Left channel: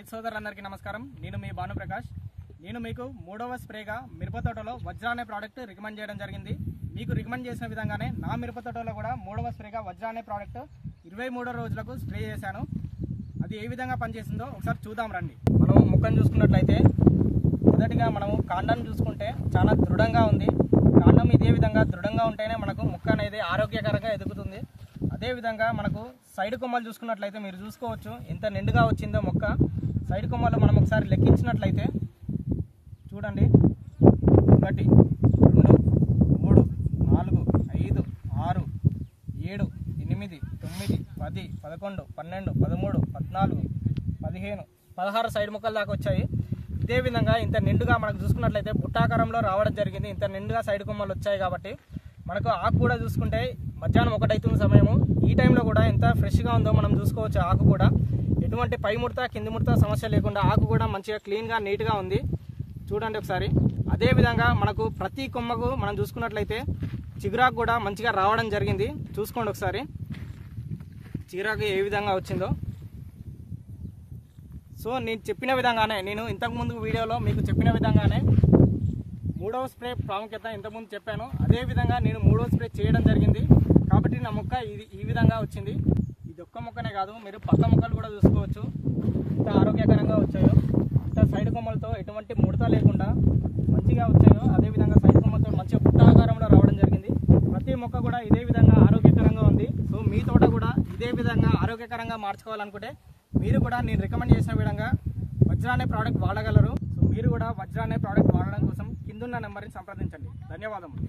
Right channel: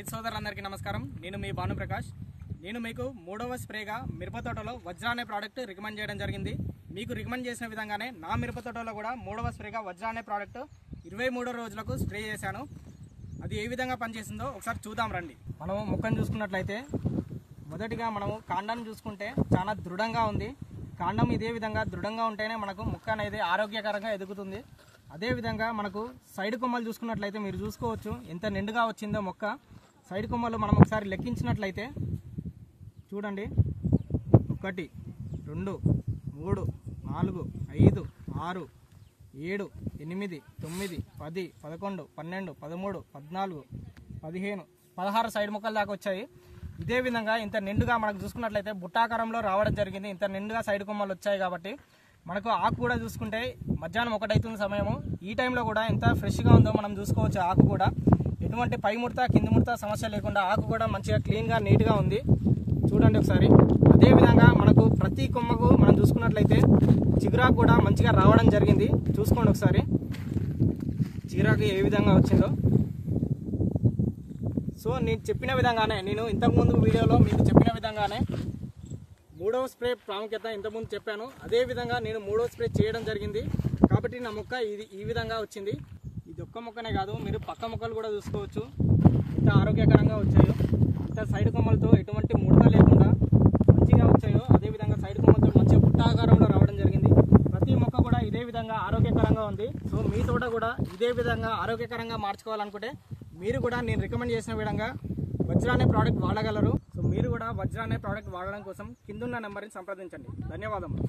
రైతు సోదరులందరికీ నమస్కారం. నేను మీ భానుప్రకాష్. నేను మీకు మూడవ స్ప్రేగా మిరప తోటలో వజ్ర అనే ప్రోడక్ట్ రికమెండ్ చేయడం జరిగింది. మీకు రికమెండ్ చేసిన విధంగానే నా మిరప తోటలో కూడా మూడవ స్ప్రేగా వజ్ర అనే ప్రోడక్ట్ 23 రోజులకు స్ప్రే చేశాను. అది ఏ విధంగా పనిచేసిందో ఒకసారి చూద్దాం రండి. మనం మొక్కను చూసుకున్నట్లయితే మొదటిగా మనము కాండాన్ని చూసుకుంటే చాలా దృఢంగా ఉంది. కాండం ఇదే విధంగా దృఢంగా ఉంటేనే మనకు మొక్క అనేది ఆరోగ్యకరంగా ఎదుగుతుంది. అదేవిధంగా మనకు సైడ్ కొమ్మలు చూసుకున్నట్లయితే మీరు చూసుకోవచ్చు ఎంత నిండుగా వచ్చిందో మొక్క. సైడ్ కొమ్మలు మనం ఒకసారి లెక్కించినట్లయితే చూడండి, 1 2 3 4 5 6 7 8 9 10 11 12 13 14 15 16 సైడ్ మొక్కలు దాకా వచ్చాయి. ఇదే విధంగా ఇంత నిండుగా మనకు చూసుకున్నట్లయితే బుట్టాకారంలో రావడం జరిగింది. ఇంత నిండుగా సైడ్ కొమ్మలు వచ్చాయి కాబట్టి మనకు ఆకు కూడా చూసుకుంటే మధ్యాహ్నం 1 అవుతున్న సమయము ఈ టైంలో కూడా ఎంత ఫ్రెష్గా ఉందో మనం చూసుకోవచ్చు. ఆకు కూడా ఎటువంటి పై ముడత కింది ముడత సమస్య లేకుండా ఆకు కూడా మంచిగా క్లీన్గా నీట్గా ఉంది. చూడండి ఒకసారి. అదేవిధంగా మనకు ప్రతి కొమ్మకు మనం చూసుకున్నట్లయితే చిగురాకు కూడా మంచిగా రావడం జరిగింది. చూసుకోండి ఒకసారి చిగురాకు ఏ విధంగా వచ్చిందో. సో నేను చెప్పిన విధంగానే, నేను ఇంతకుముందు వీడియోలో మీకు చెప్పిన విధంగానే మూడవ స్ప్రే ప్రాముఖ్యత ఇంతకుముందు చెప్పాను. అదేవిధంగా నేను మూడవ స్ప్రే చేయడం జరిగింది కాబట్టి నా మొక్క ఈ విధంగా వచ్చింది. ఇది ఒక్క మొక్కనే కాదు, మీరు పక్క మొక్కలు కూడా చూసుకోవచ్చు ఇంత ఆరోగ్యకరంగా వచ్చాయో. ఇంత సైడ్ కొమ్మలతో ఎటువంటి ముడత లేకుండా మంచిగా వచ్చాయో. అదేవిధంగా సైడ్ కొమ్మలతో మంచిగా పుట్టాకారంలో రావడం జరిగింది. ప్రతి మొక్క కూడా ఇదే విధంగా ఆరోగ్యకరంగా ఉంది. సో మీ తోట కూడా ఇదే విధంగా ఆరోగ్యకరంగా మార్చుకోవాలనుకుంటే మీరు కూడా నేను రికమెండ్ చేసిన విధంగా వజ్ర అనే ప్రోడక్ట్ వాడగలరు. సో మీరు కూడా వజ్ర అనే ప్రోడక్ట్ వాడడం కోసం కిందున్న నెంబర్ని సంప్రదించండి. ధన్యవాదములు.